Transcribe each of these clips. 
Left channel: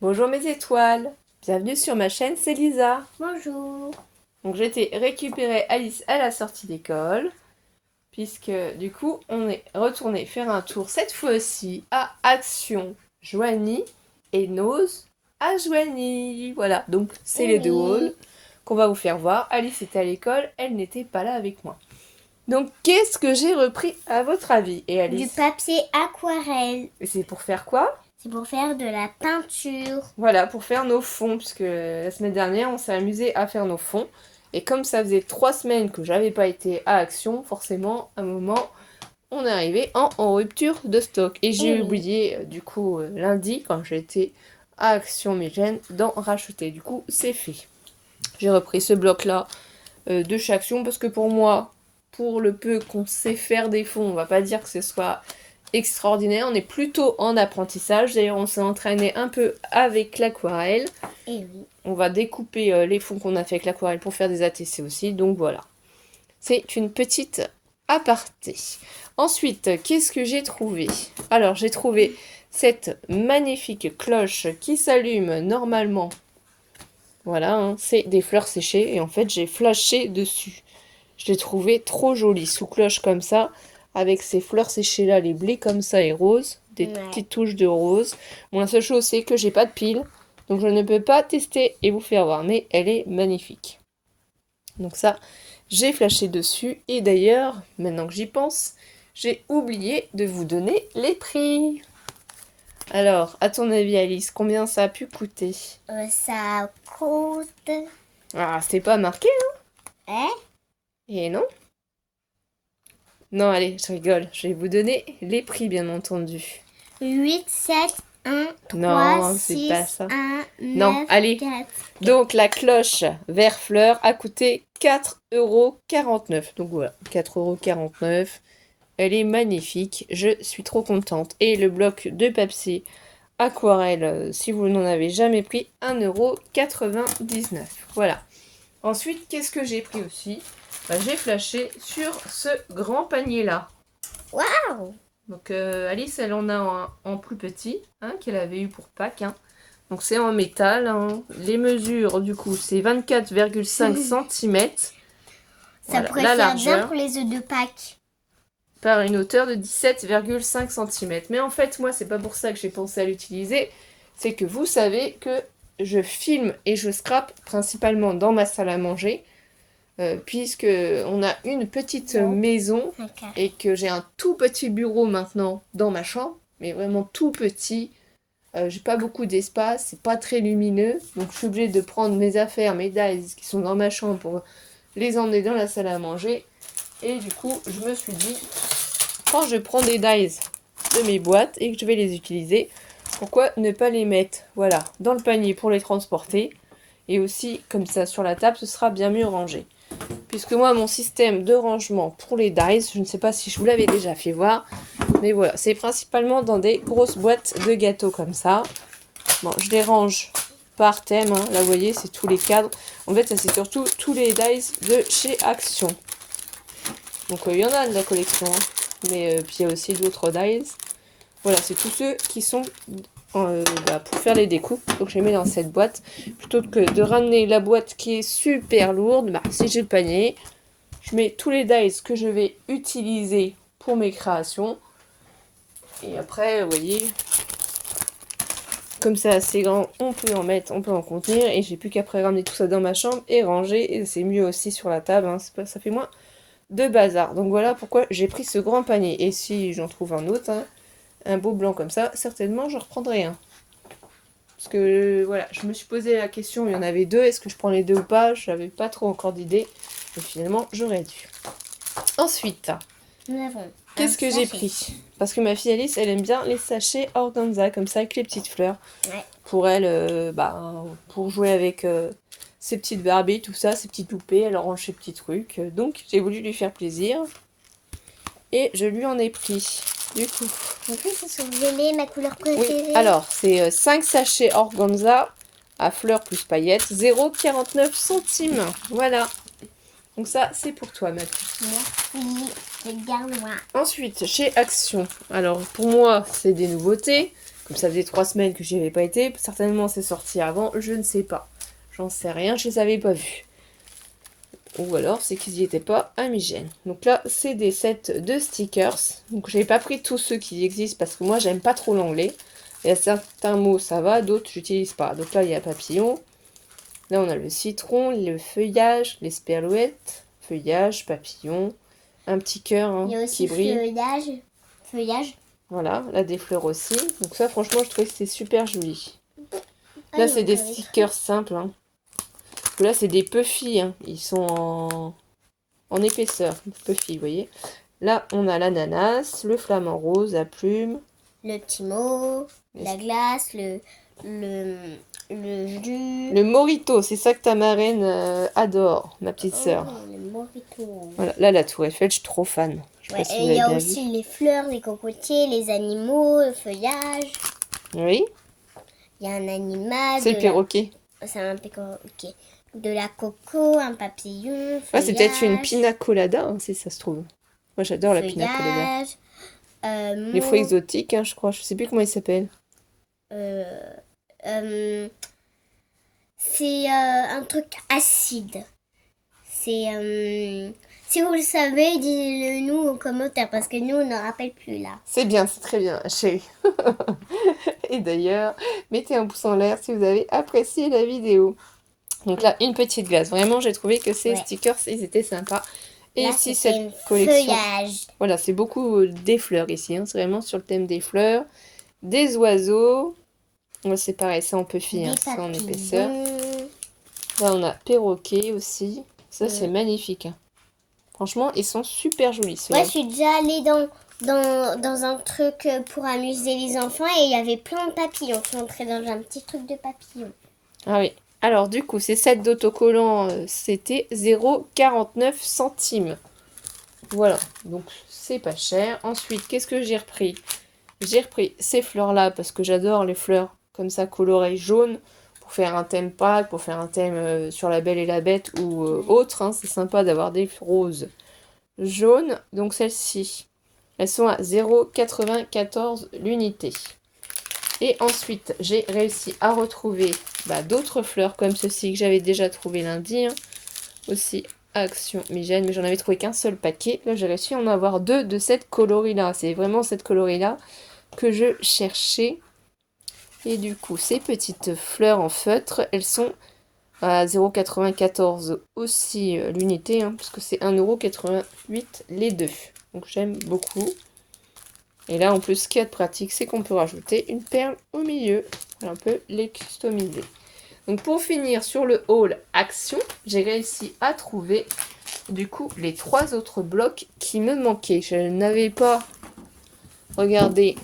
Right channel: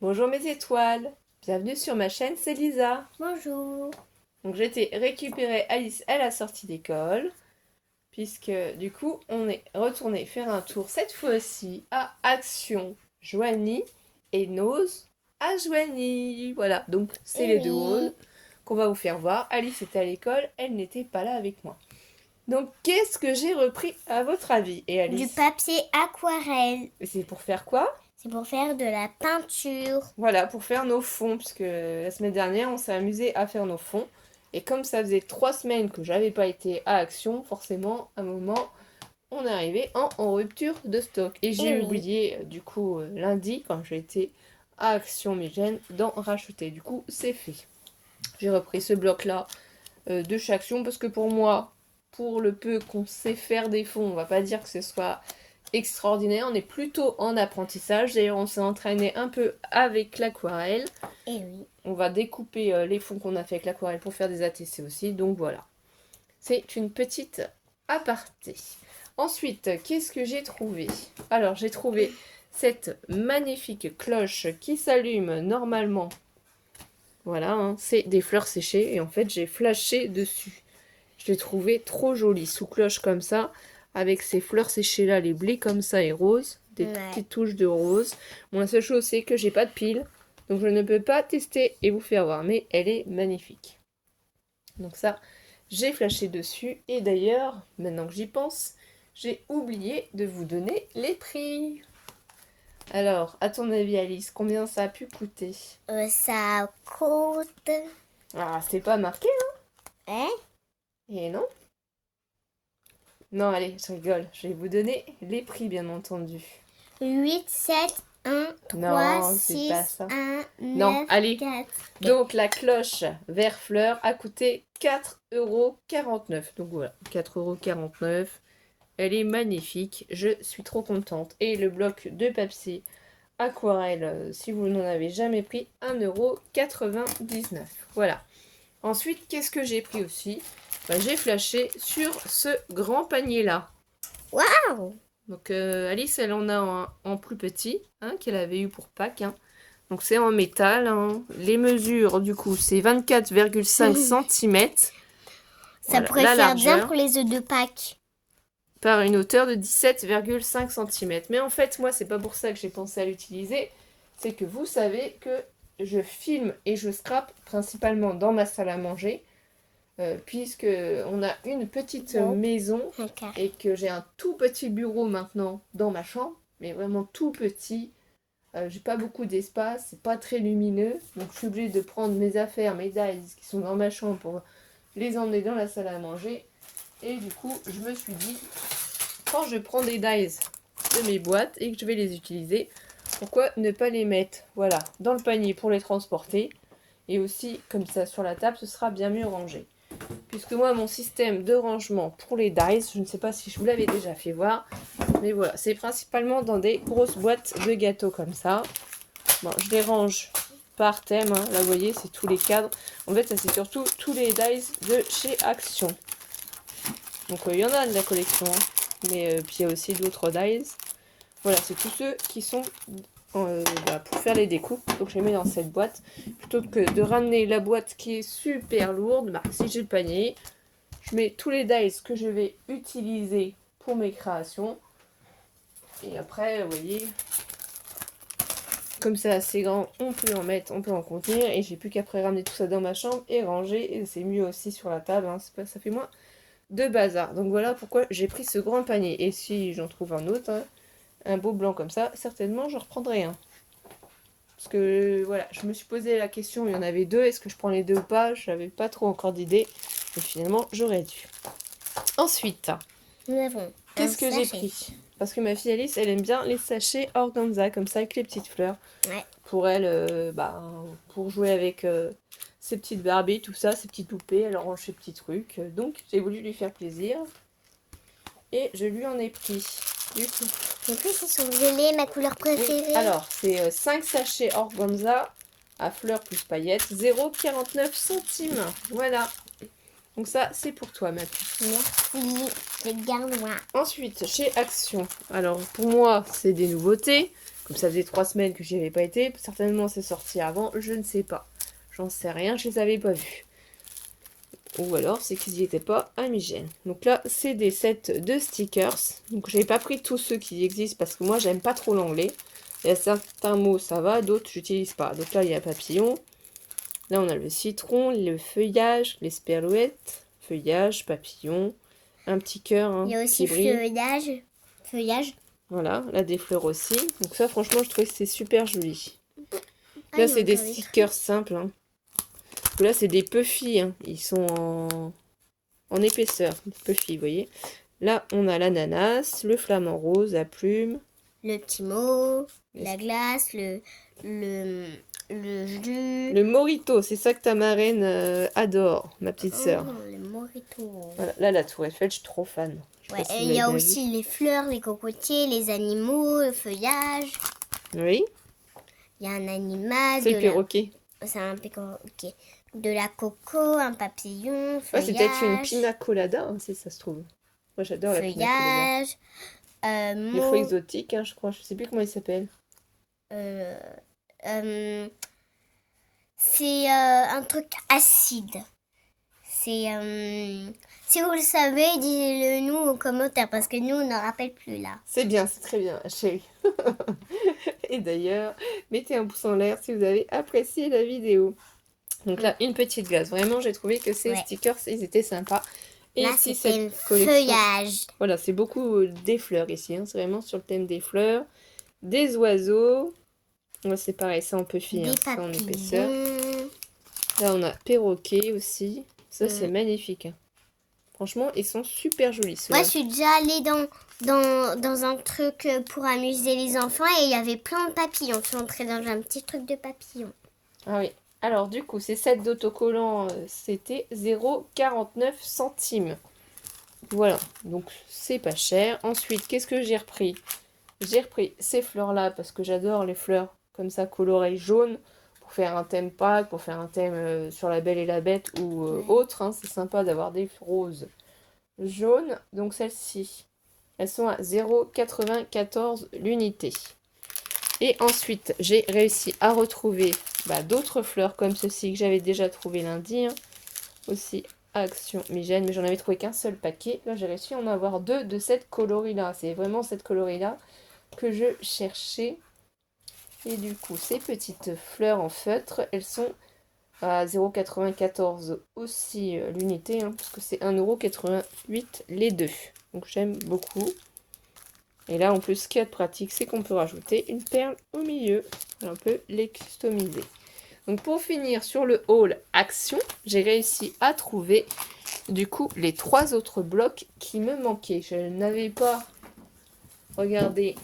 Bonjour mes étoiles, bienvenue sur ma chaîne, c'est Lisa. Bonjour. Donc j'ai été récupérer Alice à la sortie d'école, puisque du coup on est retourné faire un tour cette fois-ci à Action Joigny et Nose à Joigny. Voilà, donc c'est les deux halls qu'on va vous faire voir. Alice était à l'école, elle n'était pas là avec moi. Donc qu'est-ce que j'ai repris à votre avis? Et Du Alice, papier aquarelle. c'est pour faire quoi? C'est pour faire de la peinture. Voilà, pour faire nos fonds, parce que la semaine dernière, on s'est amusé à faire nos fonds. Et comme ça faisait 3 semaines que j'avais pas été à Action, forcément, à un moment, on est arrivé en rupture de stock. Et j'ai oui. oublié, du coup, lundi, quand j'étais à Action Mégène, d'en racheter. Du coup, c'est fait. J'ai repris ce bloc-là de chez Action, parce que pour moi, pour le peu qu'on sait faire des fonds, on va pas dire que ce soit extraordinaire. On est plutôt en apprentissage. D'ailleurs, on s'est entraîné un peu avec l'aquarelle. Et oui. On va découper les fonds qu'on a fait avec l'aquarelle pour faire des ATC aussi. Donc voilà. C'est une petite aparté. Ensuite, qu'est-ce que j'ai trouvé? Alors, j'ai trouvé cette magnifique cloche qui s'allume normalement. Voilà, hein, c'est des fleurs séchées. Et en fait, j'ai flashé dessus. Je l'ai trouvé trop joli, sous cloche comme ça, avec ces fleurs séchées là, les blés comme ça et roses, des petites touches de rose. Bon, la seule chose c'est que j'ai pas de pile, donc je ne peux pas tester et vous faire voir, mais elle est magnifique. Donc ça, j'ai flashé dessus, et d'ailleurs, maintenant que j'y pense, j'ai oublié de vous donner les prix. Alors, à ton avis Alice, combien ça a pu coûter? Ça coûte... Ah, c'est pas marqué, Hein? et non? Non, allez, je rigole. Je vais vous donner les prix, bien entendu. 8, 7, 1, 3, Non, c'est 6, pas ça. 1, 9, Non, allez. 4. Donc, la cloche vert fleur a coûté 4,49 €. Donc voilà, 4,49 €. Elle est magnifique. Je suis trop contente. Et le bloc de papier aquarelle, si vous n'en avez jamais pris, 1,99 €. Voilà. Ensuite, qu'est-ce que j'ai pris aussi? J'ai flashé sur ce grand panier-là. Waouh! Donc Alice, elle en a en plus petit, hein, qu'elle avait eu pour Pâques. Hein. Donc c'est en métal. Hein. Les mesures, du coup, c'est 24,5 cm. Ça pourrait faire bien pour les œufs de Pâques. Par une hauteur de 17,5 cm. Mais en fait, moi, c'est pas pour ça que j'ai pensé à l'utiliser. C'est que vous savez que je filme et je scrape principalement dans ma salle à manger. Puisque on a une petite maison et que j'ai un tout petit bureau maintenant dans ma chambre, mais vraiment tout petit. J'ai pas beaucoup d'espace, c'est pas très lumineux, donc je suis obligée de prendre mes affaires, mes dies qui sont dans ma chambre pour les emmener dans la salle à manger. Et du coup, je me suis dit, quand je prends des dies de mes boîtes et que je vais les utiliser, pourquoi ne pas les mettre, voilà, dans le panier pour les transporter, et aussi comme ça sur la table, ce sera bien mieux rangé. Puisque moi, mon système de rangement pour les dies, je ne sais pas si je vous l'avais déjà fait voir, mais voilà, c'est principalement dans des grosses boîtes de gâteaux comme ça. Bon, je les range par thème, hein. Là, vous voyez, c'est tous les cadres. En fait, ça, c'est surtout tous les dies de chez Action. Donc, il y en a de la collection, hein. Mais puis, il y a aussi d'autres dies. Voilà, c'est tous ceux qui sont pour faire les découpes. Donc, je les mets dans cette boîte. Plutôt que de ramener la boîte qui est super lourde, si j'ai le panier, je mets tous les dies que je vais utiliser pour mes créations. Et après, vous voyez, comme ça, c'est grand, on peut en mettre, on peut en contenir. Et j'ai plus qu'après ramener tout ça dans ma chambre et ranger. Et c'est mieux aussi sur la table, hein, ça fait moins de bazar. Donc voilà pourquoi j'ai pris ce grand panier. Et si j'en trouve un autre, hein, un beau blanc comme ça, certainement j'en reprendrai un. Parce que voilà, je me suis posé la question, il y en avait deux, est-ce que je prends les deux ou pas? Je n'avais pas trop encore d'idée. Et finalement, j'aurais dû. Ensuite, nous avons qu'est-ce que j'ai pris? Parce que ma fille Alice, elle aime bien les sachets organza, comme ça, avec les petites fleurs. Ouais. Pour elle, pour jouer avec ses petites Barbies, tout ça, ses petites poupées, elle range ses petits trucs. Donc, j'ai voulu lui faire plaisir. Et je lui en ai pris. Du tout. Les prix, ce sont violet, ma couleur préférée. Oui. Alors, c'est 5 sachets organza à fleurs plus paillettes, 0,49 centimes. Voilà. Donc ça, c'est pour toi, Mathilde. Merci, je garde moi. Ensuite, chez Action. Alors, pour moi, c'est des nouveautés. Comme ça faisait 3 semaines que j'y avais pas été. Certainement, c'est sorti avant. Je ne sais pas. J'en sais rien, je les avais pas vus. Ou alors, c'est qu'ils n'y étaient pas à Migène. Donc là, c'est des sets de stickers. Donc, je n'ai pas pris tous ceux qui existent parce que moi, j'aime pas trop l'anglais. Il y a certains mots, ça va. D'autres, j'utilise pas. Donc là, il y a papillon. Là, on a le citron, le feuillage, les sperlouettes, feuillage, papillon, un petit cœur. Hein, il y a aussi feuillage. Voilà, là des fleurs aussi. Donc ça, franchement, je trouve que c'est super joli. Là, c'est des stickers simples. Hein. Là, c'est des puffy. Hein. Ils sont en épaisseur. Puffy, vous voyez. Là, on a l'ananas, le flamant rose, la plume. Le petit mot, la glace, le jus. Le mojito, c'est ça que ta marraine adore, ma petite sœur. Oh, le mojito. Voilà, là, la tour Eiffel, je suis trop fan. Ouais, et il y a aussi les fleurs, les cocotiers, les animaux, le feuillage. Oui. Il y a un animal. C'est le perroquet. C'est un perroquet. De la coco, un papillon, feuillage. C'est peut-être une pina colada, hein, si ça se trouve. Moi, j'adore la pina colada. Les fruits exotiques, hein, je crois. Je sais plus comment ils s'appellent. C'est un truc acide. C'est... si vous le savez, dites-le nous en commentaire parce que nous, on ne rappelle plus là. C'est bien, c'est très bien, chérie. Et d'ailleurs, mettez un pouce en l'air si vous avez apprécié la vidéo. Donc là, une petite glace. Vraiment, j'ai trouvé que ces stickers, ils étaient sympas. Et là, ici, cette collection. Feuillage. Voilà, c'est beaucoup des fleurs ici. Hein. C'est vraiment sur le thème des fleurs. Des oiseaux. C'est pareil, ça en puffy, hein, c'est en épaisseur. Là, on a perroquet aussi. Ça, c'est magnifique. Hein. Franchement, ils sont super jolis. Moi, je suis déjà allée dans un truc pour amuser les enfants et il y avait plein de papillons. Je suis entrée dans un petit truc de papillons. Ah oui. Alors, du coup, ces sets d'autocollants, c'était 0,49 centimes. Voilà. Donc, c'est pas cher. Ensuite, qu'est-ce que j'ai repris? J'ai repris ces fleurs-là parce que j'adore les fleurs comme ça colorées jaunes. Pour faire un thème Pâques, pour faire un thème sur la Belle et la Bête ou autre. Hein, c'est sympa d'avoir des roses jaunes. Donc celles-ci, elles sont à 0,94 l'unité. Et ensuite, j'ai réussi à retrouver d'autres fleurs comme ceci que j'avais déjà trouvé lundi. Hein, aussi à Action Migène, mais j'en avais trouvé qu'un seul paquet. Là, j'ai réussi à en avoir 2 de cette coloris-là. C'est vraiment cette coloris-là que je cherchais. Et du coup, ces petites fleurs en feutre, elles sont à 0,94 aussi l'unité, hein, parce que c'est 1,88 € les deux. Donc j'aime beaucoup. Et là, en plus, ce qu'il y a de pratique, c'est qu'on peut rajouter une perle au milieu. On peut les customiser. Donc pour finir sur le haul Action, j'ai réussi à trouver du coup les 3 autres blocs qui me manquaient. Je n'avais pas regardé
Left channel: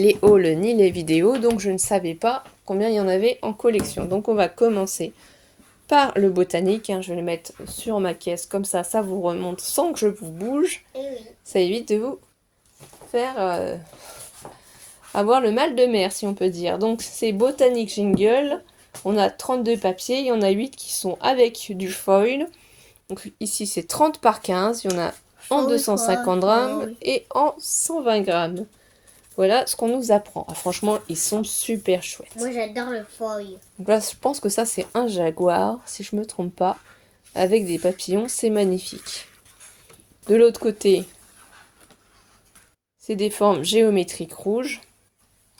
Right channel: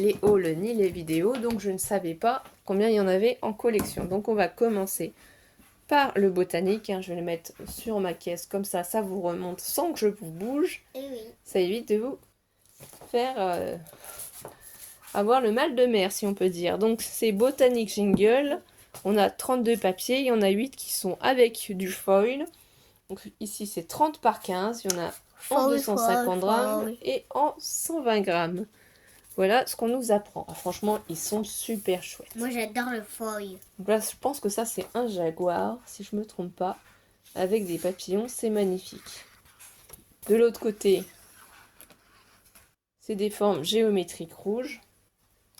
les hauls ni les vidéos, donc je ne savais pas combien il y en avait en collection. Donc on va commencer par le botanique, hein. Je vais le mettre sur ma caisse, comme ça, ça vous remonte sans que je vous bouge. Ça évite de vous faire avoir le mal de mer, si on peut dire. Donc c'est Botanique Jingle, on a 32 papiers, il y en a 8 qui sont avec du foil. Donc ici c'est 30 par 15, il y en a en 250 grammes et en 120 grammes. Voilà ce qu'on nous apprend. Franchement, ils sont super chouettes. Moi, j'adore le foil. Donc là, je pense que ça, c'est un jaguar, si je me trompe pas, avec des papillons. C'est magnifique. De l'autre côté, c'est des formes géométriques rouges.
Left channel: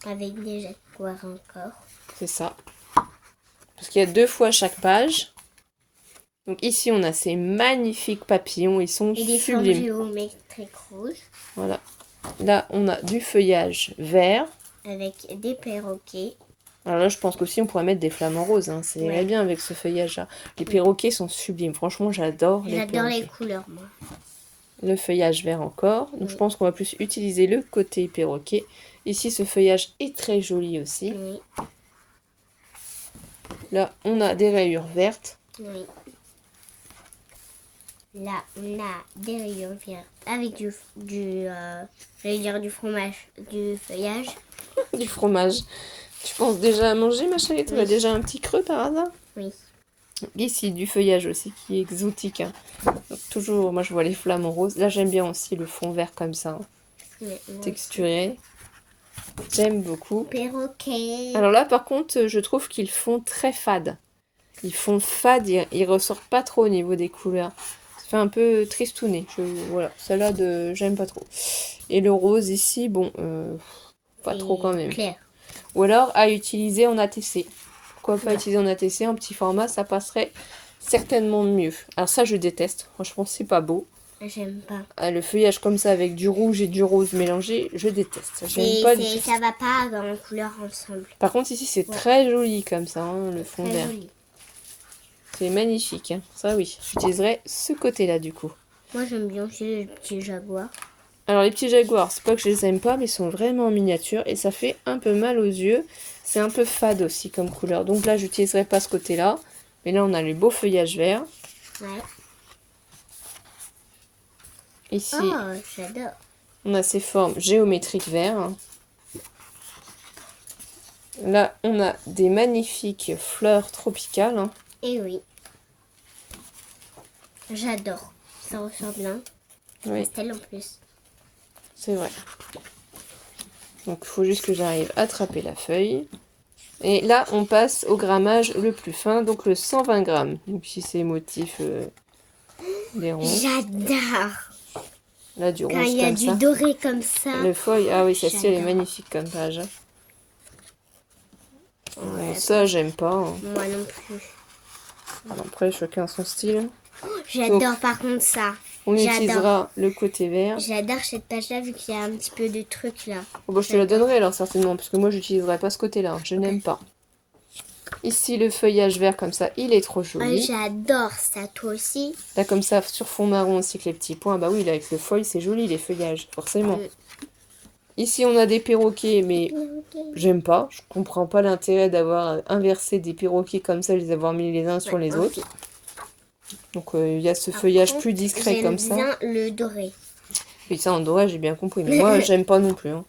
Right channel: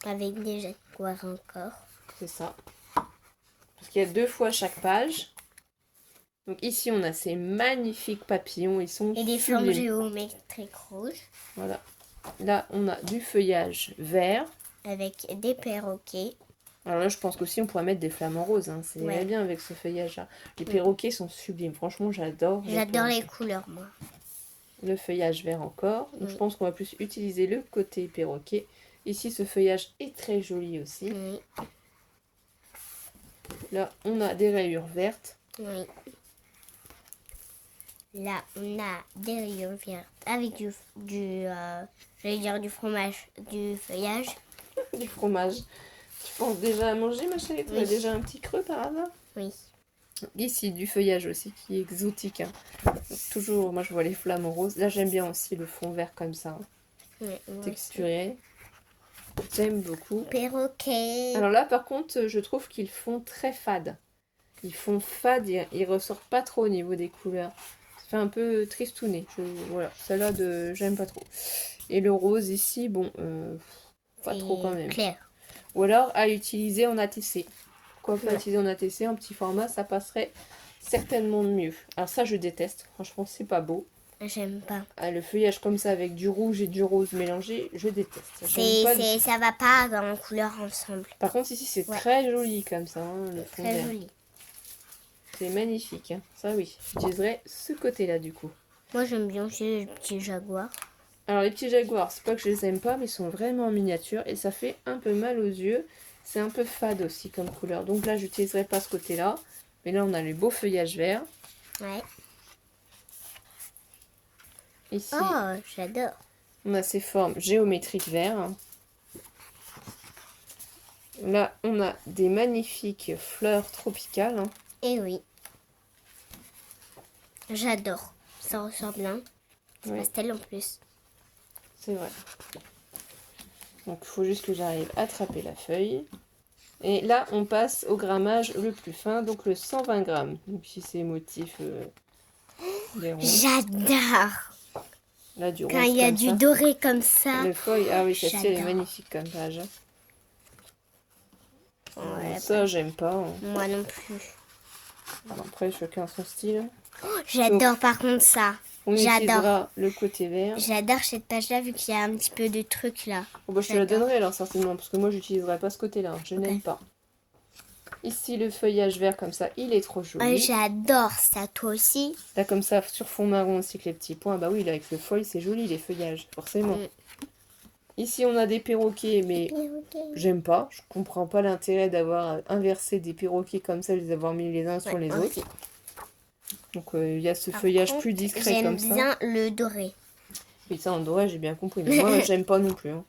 Avec des jaguars encore. C'est ça. Parce qu'il y a 2 fois chaque page. Donc ici, on a ces magnifiques papillons. Ils sont sublimes. Et des formes géométriques rouges. Voilà. Là, on a du feuillage vert. Avec des perroquets. Alors là, je pense qu'aussi, on pourrait mettre des flamants roses. Hein. Ça irait bien avec ce feuillage-là. Les perroquets sont sublimes. Franchement, j'adore. J'adore les couleurs, moi. Le feuillage vert encore. Donc, je pense qu'on va plus utiliser le côté perroquet. Ici, ce feuillage est très joli aussi. Oui. Là, on a des rayures vertes. Oui. Là, on a des rayures vertes avec j'allais dire du fromage, du feuillage. Du fromage. Tu penses déjà à manger, ma chérie? Tu as déjà un petit creux par hasard? Oui. Ici, du feuillage aussi qui est exotique. Hein. Donc, toujours, moi je vois les flamants roses. Là, j'aime bien aussi le fond vert comme ça, hein, Ouais, texturé. J'aime beaucoup. Perroquet. Alors là, par contre, je trouve qu'ils font très fade. Ils font fade, ils ressortent pas trop au niveau des couleurs. Ça fait un peu tristouné. Voilà, celle-là, j'aime pas trop. Et le rose ici, bon, pas trop quand même. Clair. Ou alors à utiliser en ATC. Pourquoi pas Ouais. utiliser en ATC, en petit format, ça passerait certainement mieux. Alors ça, je déteste. Franchement, c'est pas beau. J'aime pas. Ah, le feuillage comme ça avec du rouge et du rose mélangé, je déteste. J'aime pas du tout. Ça va pas en couleur ensemble. Par contre, ici, c'est Ouais. très joli comme ça, hein, le fond Très vert. joli. C'est magnifique. Hein. Ça, oui. J'utiliserai ce côté-là, du coup. Moi, j'aime bien aussi les petits jaguars. Alors, les petits jaguars, c'est pas que je les aime pas, mais ils sont vraiment en miniature et ça fait un peu mal aux yeux. C'est un peu fade aussi comme couleur. Donc là, j'utiliserai pas ce côté-là. Mais là, on a les beaux feuillages verts. Ouais. Ici, Oh, j'adore. on a ces formes géométriques verts. Là, on a des magnifiques fleurs tropicales. Hein. Et oui. J'adore. Ça ressort bien. Oui, Pastel en plus. c'est vrai. Donc, il faut juste que j'arrive à attraper la feuille. Et là, on passe au grammage le plus fin, donc le 120 grammes. Donc, si c'est motif, les ronds. J'adore. Là, du Quand rose il y a comme du ça. doré comme ça. Le feuille, ah oui, celle-ci, elle est J'adore. magnifique comme page. Hein. Ouais, Ça, j'aime pas. Hein. moi non plus. Après, chacun son style. J'adore Donc, par contre ça. On J'adore. utilisera le côté vert. J'adore cette page-là vu qu'il y a un petit peu de trucs là. Oh, bah, je te la J'adore. donnerai alors certainement, parce que moi, j'utiliserai pas ce côté-là. Hein. Je n'aime pas. Ici, le feuillage vert comme ça, il est trop joli. J'adore ça, toi aussi. Là, comme ça, sur fond marron aussi, avec les petits points. Bah oui, là, avec le feuille, c'est joli, les feuillages, forcément. Ici, on a des perroquets, mais j'aime pas. Je comprends pas l'intérêt d'avoir inversé des perroquets comme ça, les avoir mis les uns sur les autres. Donc, il y a ce feuillage plus discret comme ça. J'aime bien le doré. Et ça, en doré, j'ai bien compris. Mais moi, j'aime pas non plus. Hein.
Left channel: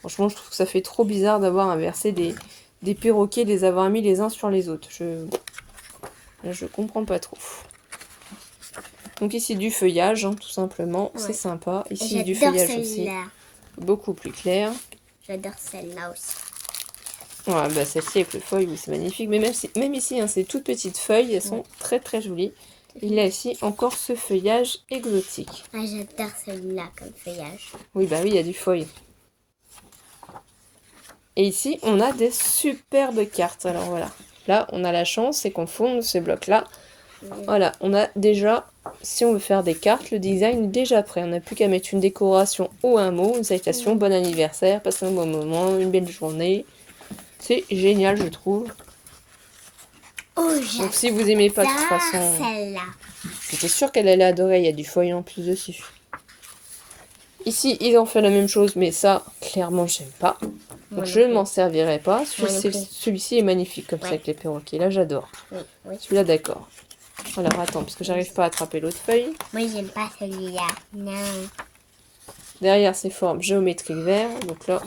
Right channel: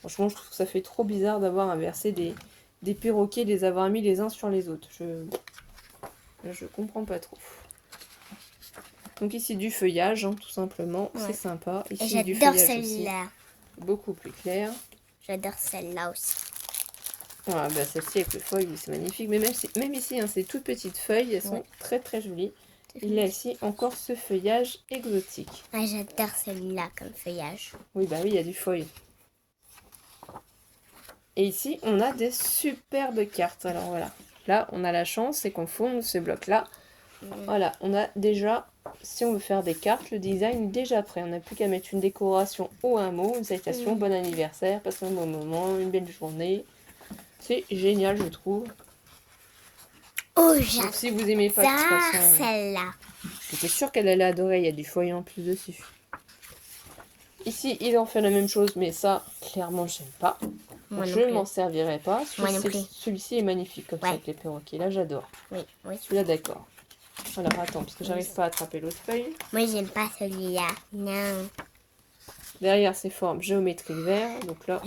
Franchement, je trouve que ça fait trop bizarre d'avoir inversé des perroquets, les avoir mis les uns sur les autres. Je comprends pas trop. Donc ici, du feuillage, hein, tout simplement. Ouais. C'est sympa. Ici, du feuillage aussi. Beaucoup plus clair. J'adore celle-là aussi. Ouais, bah celle-ci avec le feuille, oui, c'est magnifique. Mais même ici, hein, ces toutes petites feuilles, elles sont très très jolies. Il y a ici encore ce feuillage exotique. Ah, j'adore celui-là comme feuillage. Oui, bah oui, il y a du feuille. Et ici, on a des superbes cartes. Alors voilà. Là, on a la chance, c'est qu'on fonde ce bloc-là. Voilà, on a déjà, si on veut faire des cartes, le design est déjà prêt. On n'a plus qu'à mettre une décoration ou un mot, une salutation, bon anniversaire, passer un bon moment, une belle journée. C'est génial, je trouve. Oh, donc si vous aimez pas de toute façon, celle-là. j'étais sûre qu'elle allait adorer, il y a du feuille en plus dessus. Ici, ils ont fait la même chose, mais ça, clairement, j'aime pas. Donc je ne m'en servirai pas. Celui-ci est magnifique comme ça avec les perroquets. Là, j'adore. Oui. Celui-là, d'accord. Alors, attends, parce que j'arrive pas à attraper l'autre feuille. Moi, j'aime pas celui-là. Non. Derrière, ces formes géométriques vert. Donc là,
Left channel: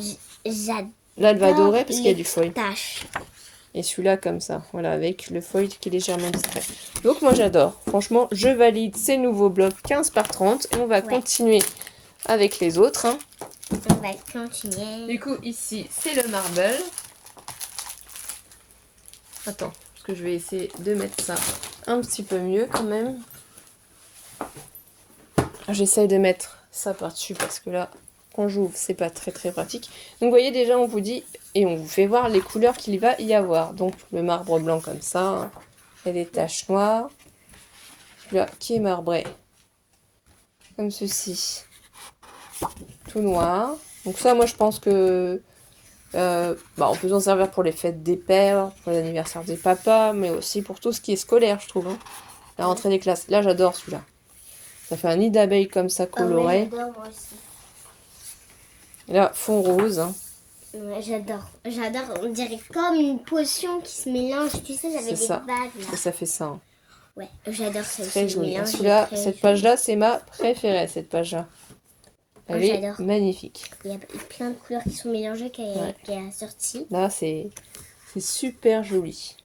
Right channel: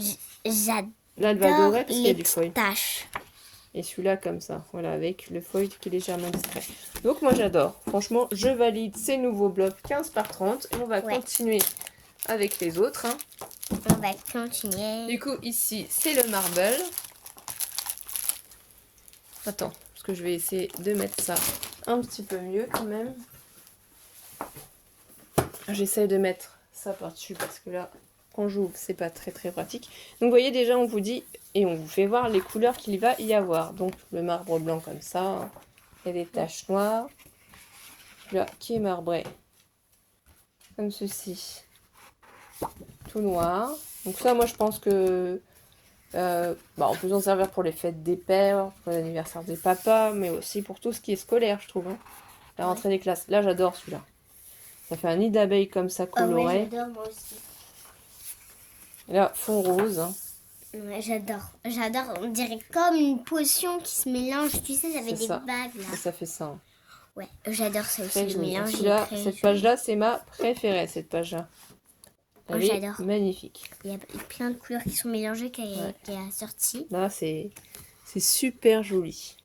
j'adore elle va adorer parce qu'il y a du feuille. Taches. Et celui-là, comme ça. Voilà, avec le feuille qui est légèrement discret. Donc, moi, j'adore. Franchement, je valide ces nouveaux blocs 15 par 30. Et on va continuer avec les autres. Hein. On va continuer. Du coup, ici, c'est le marble. Attends, parce que je vais essayer de mettre ça un petit peu mieux quand même. J'essaye de mettre ça par-dessus parce que là, quand j'ouvre, c'est pas très très pratique. Donc, vous voyez, déjà, on vous dit et on vous fait voir les couleurs qu'il va y avoir. Donc, le marbre blanc comme ça. Et les taches noires. Celui-là qui est marbré comme ceci. Tout noir. Donc ça, moi, je pense que on peut s'en servir pour les fêtes des pères, pour l'anniversaire des papas, mais aussi pour tout ce qui est scolaire, je trouve. Hein. La rentrée des classes. Là, j'adore celui-là. Ça fait un nid d'abeilles comme ça, coloré. J'adore, moi aussi. Et là, fond rose. Hein. Ouais, j'adore. On dirait comme une potion qui se mélange, tu sais, avec des ça. bagues. Là. Et ça fait ça. Hein. Ouais, j'adore ça très aussi. joli. Celui-là, cette page-là, c'est ma préférée, cette page-là. Elle est magnifique. Il y a plein de couleurs qui sont mélangées qui est assortie. Là, c'est super joli.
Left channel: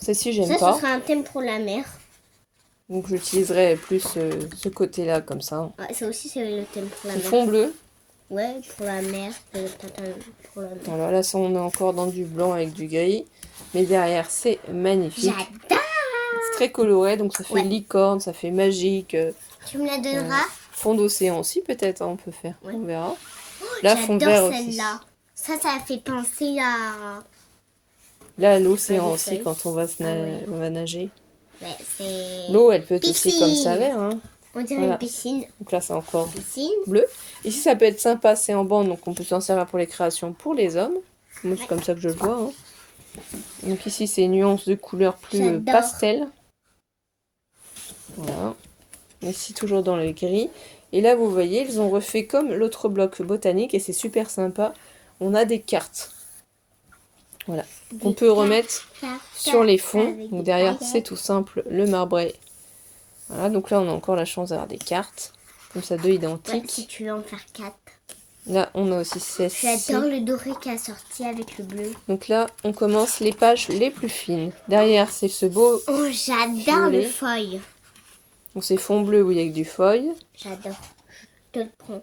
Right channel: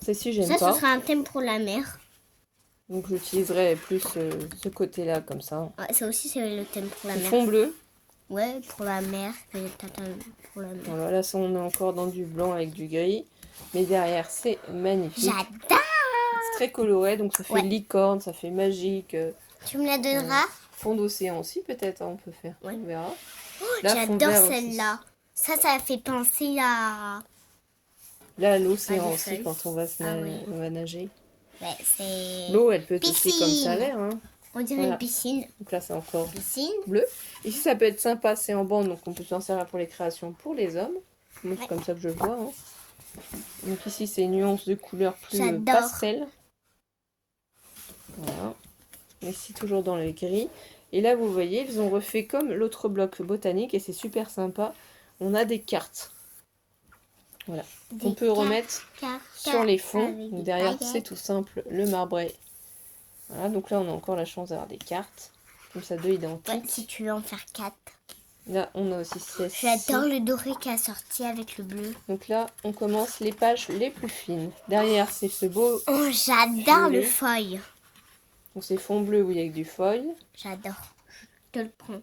Celle-ci, j'aime Ça, pas. ce sera un thème pour la mer. Donc j'utiliserai plus ce côté-là comme ça. Ouais, ça aussi, c'est le thème pour la Le mer. fond bleu. Ouais, pour la mer. Pour la mer. Alors là, ça, on est encore dans du blanc avec du gris. Mais derrière, c'est magnifique. J'adore. C'est très coloré, donc ça fait Ouais. licorne, ça fait magique. Tu me la donneras? Fond d'océan aussi, peut-être, hein, on peut faire. Ouais. On verra. Là, fond vert J'adore aussi. celle-là. Ça fait penser à... Là, l'océan Ouais, des aussi, feuilles. quand on va nager. Ouais, c'est... L'eau, elle peut être aussi Piscine. comme ça, vert. Hein. On dirait Voilà. une piscine. Donc là, c'est encore Piscine. bleu. Ici, ça peut être sympa, c'est en bande, donc on peut s'en servir pour les créations pour les hommes. Moi, c'est Ouais. comme ça que je le vois. Hein. Donc ici, c'est une nuance de couleur plus J'adore. pastel. Voilà. Ici, toujours dans le gris. Et là, vous voyez, ils ont refait comme l'autre bloc botanique et c'est super sympa. On a des cartes. Voilà. On peut remettre sur les fonds. Donc derrière, c'est tout simple, le marbré. Voilà, donc là, on a encore la chance d'avoir des cartes. Comme ça, deux Ouais, identiques. si tu veux en faire 4. Là, on a aussi celle-ci. J'adore le doré qui a sorti avec le bleu. Donc là, on commence les pages les plus fines. Derrière, c'est ce beau... Oh, j'adore Violet. le feuille. Donc c'est fond bleu, oui, avec du feuille. J'adore. Je te le prends.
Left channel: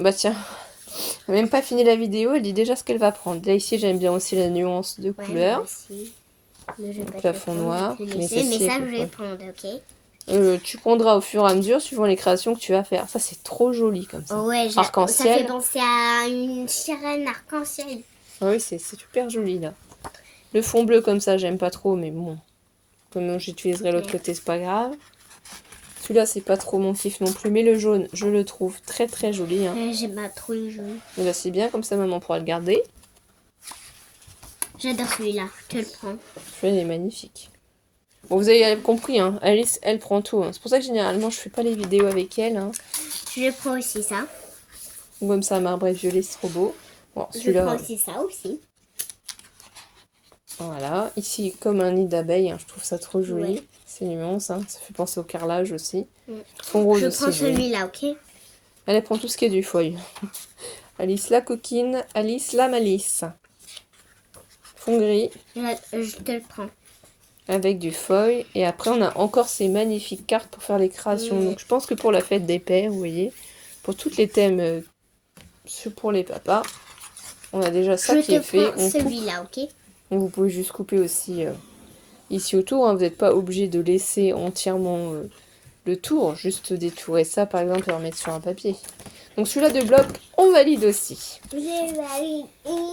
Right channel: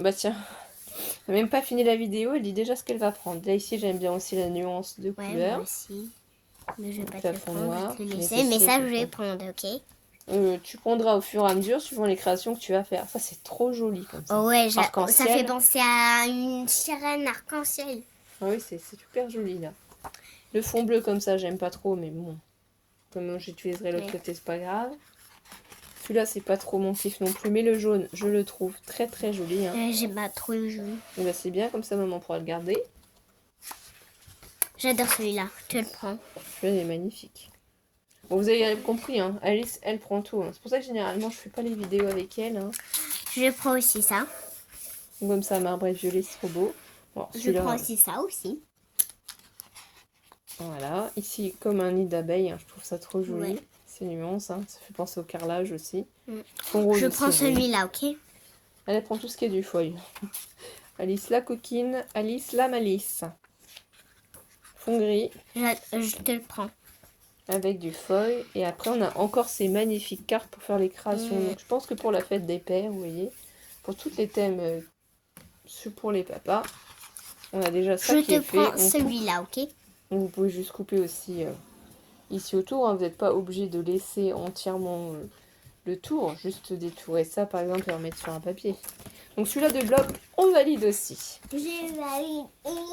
Bah tiens, on n'a même pas fini la vidéo, elle dit déjà ce qu'elle va prendre. Là, ici, j'aime bien aussi la nuance de Ouais, couleur. moi aussi. Mais je vais pas te Plafond le prendre, noir. je te Mais laisser, ceci mais ça, est je plus vais fun. prendre, ok? Tu prendras au fur et à mesure, suivant les créations que tu vas faire. Ça, c'est trop joli comme ça. Oh ouais, ça Arc-en-ciel. fait penser à une sirène arc-en-ciel. Ah oui, c'est super joli, là. Le fond bleu, comme ça, j'aime pas trop, mais bon. Comme j'utiliserai l'autre côté, c'est pas grave. Celui-là, c'est pas trop mon kiff non plus. Mais le jaune, je le trouve très très joli. Hein. J'aime pas trop le jaune. Mais là, c'est bien, comme ça, maman pourra le garder. J'adore celui-là, je te le prends. Le jaune est magnifique. Bon, vous avez compris, hein. Alice, elle prend tout. Hein. C'est pour ça que généralement, je fais pas les vidéos avec elle. Hein. Je prends aussi ça. Comme ça, marbre et violet, c'est trop beau. Bon, Je celui-là, prends aussi ça aussi. voilà. Ici, comme un nid d'abeille, hein, je trouve ça trop joli. Ouais. C'est nuance, hein. Ça fait penser au carrelage aussi. Mm. Fond rose Je aussi. prends joli. celui-là, ok? Elle prend tout ce qui est du feuille. Alice la coquine, Alice la malice. Fond gris Je te le prends. avec du feuille. Et après, on a encore ces magnifiques cartes pour faire les créations. Mm. Donc, je pense que pour la fête des pères, vous voyez, pour tous les thèmes pour les papas, on a déjà ça Je qui est te fait. prends On coupe. celui-là, ok? Donc, vous pouvez juste couper aussi ici autour. Hein. Vous n'êtes pas obligé de laisser entièrement le tour. Juste détourer ça, par exemple, et remettre sur un papier. Donc, celui-là de bloc, on valide aussi.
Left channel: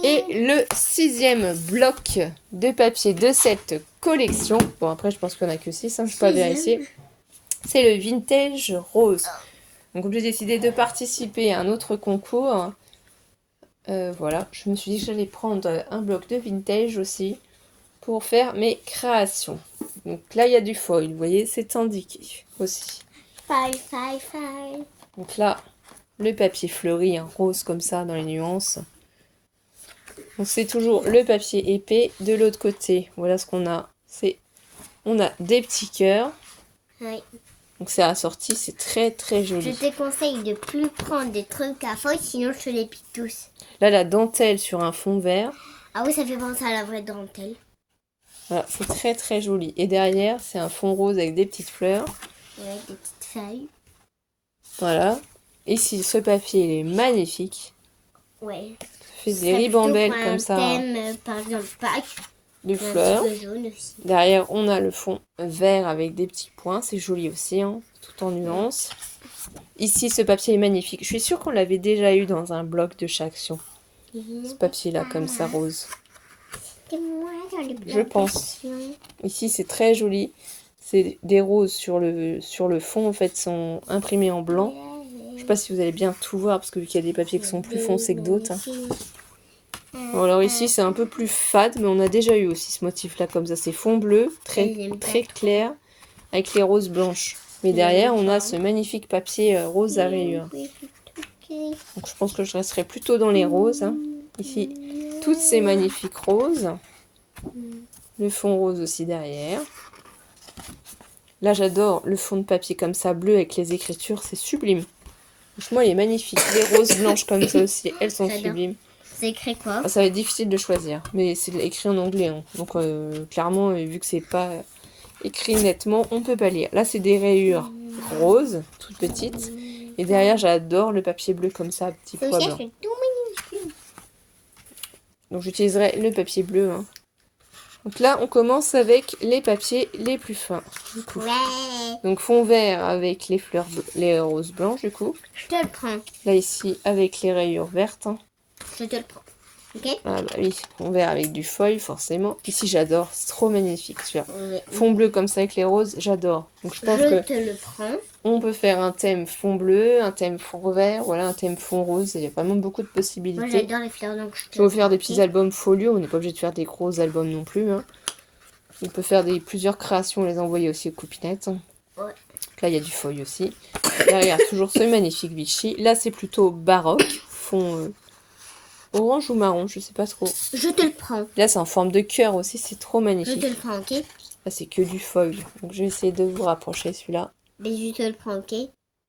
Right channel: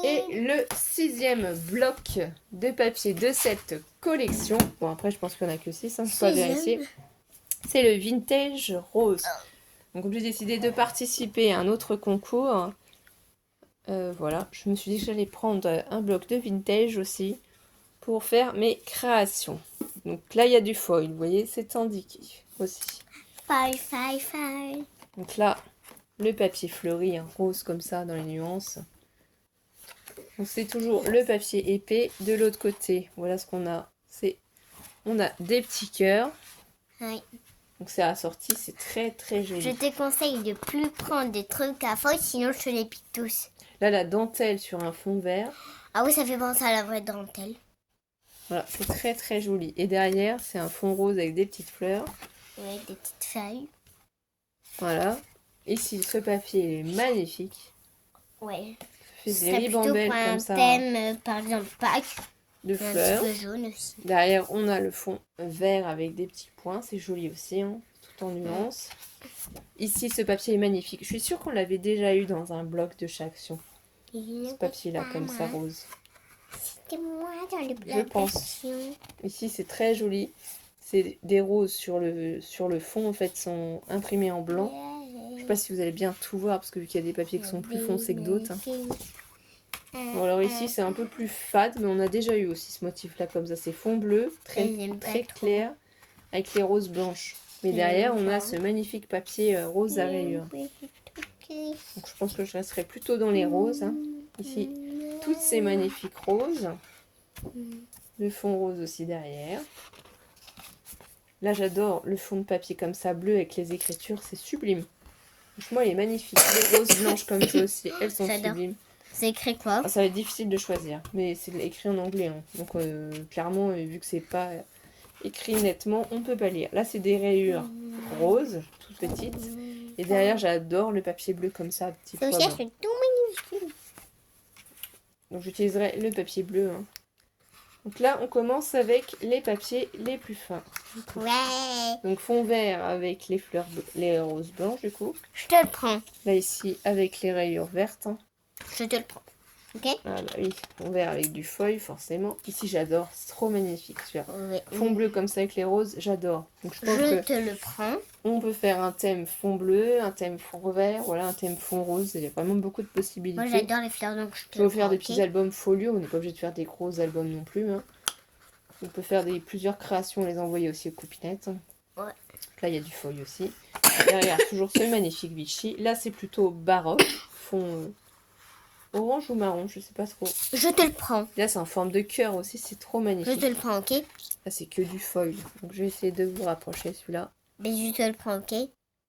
Et le 6e bloc de papier de cette collection, bon après je pense qu'on a que 6, hein, je peux pas vérifier, c'est le vintage rose. Donc comme j'ai décidé de participer à un autre concours, voilà, je me suis dit que j'allais prendre un bloc de vintage aussi pour faire mes créations. Donc là il y a du foil, vous voyez, c'est indiqué aussi. Five. Donc là, le papier fleuri, hein, rose comme ça dans les nuances. Donc c'est toujours le papier épais. De l'autre côté, voilà ce qu'on a. On a des petits cœurs. Ouais. Donc c'est assorti, c'est très très Je joli. te conseille de plus prendre des trucs à feuilles, sinon je te les pique tous. Là, la dentelle sur un fond vert. Ah oui, ça fait penser à la vraie dentelle. Voilà, c'est très très joli. Et derrière, c'est un fond rose avec des petites fleurs. Ouais, des petites feuilles. Voilà. Ici, ce papier, il est magnifique. Ouais. Il fait Ça des serait ribambelles plutôt pour comme un ça thème, par exemple, Pâques. de Un fleurs. petit peu jaune aussi. Derrière, on a le fond vert avec des petits points. C'est joli aussi, hein, tout en nuances. Ici, ce papier est magnifique. Je suis sûre qu'on l'avait déjà eu dans un bloc de chez Action. Ce papier-là, comme ça, rose. C'est moi dans le Je pense. Ici, c'est très joli. C'est des roses sur le fond, en fait, sont imprimés en blanc. Je sais pas si vous allez bien tout voir, parce que vu qu'il y a des papiers qui sont plus foncés que d'autres. Hein. Bon, alors ici, c'est un peu plus fade, mais on a déjà eu aussi ce motif-là, comme ça. C'est fond bleu, très clair, avec les roses blanches. Mais derrière, on a ce magnifique papier rose à rayures. Donc, je pense que je resterai plutôt dans les roses. Hein. Ici, toutes ces magnifiques roses. Le fond rose aussi derrière. Là, j'adore le fond de papier comme ça, bleu, avec les écritures. C'est sublime. Franchement, il est magnifique. Les roses blanches comme ça aussi, elles sont J'adore. sublimes. C'est écrit quoi? Ça va être difficile de choisir, mais c'est écrit en anglais. Hein. Donc clairement, vu que c'est pas écrit nettement, on peut pas lire. Là, c'est des rayures roses, toutes petites. Et derrière, j'adore le papier bleu comme ça, petit C'est pois aussi blanc. c'est tout minuscule. Donc j'utiliserai le papier bleu. Hein. Donc là, on commence avec les papiers les plus fins. Du coup. Ouais. Donc fond vert avec les fleurs, les roses blanches du coup. Je te le prends. Là ici avec les rayures vertes. Hein. Je te le prends. Ok? Ah bah oui, fond vert avec du feuille forcément. Ici j'adore, c'est trop magnifique celui-là. Oui. Fond bleu comme ça avec les roses, j'adore. Donc je pense Je que te le prends. on peut faire un thème fond bleu, un thème fond vert, voilà, un thème fond rose. Il y a vraiment beaucoup de Moi possibilités. j'adore les fleurs donc je te Je vais vous faire le des prends, petits ok? albums folio, on n'est pas obligé de faire des gros albums non plus. Hein. On peut faire plusieurs créations, les envoyer aussi aux copinettes. Ouais. Là, il y a du feuille aussi. Derrière, toujours ce magnifique Vichy. Là, c'est plutôt baroque, fond orange ou marron, je sais pas trop. Je te le prends. Là, c'est en forme de cœur aussi, c'est trop Je magnifique. te le prends, ok? Là, c'est que du feuille. Donc, je vais essayer de vous rapprocher celui-là. Mais je te le prends, ok?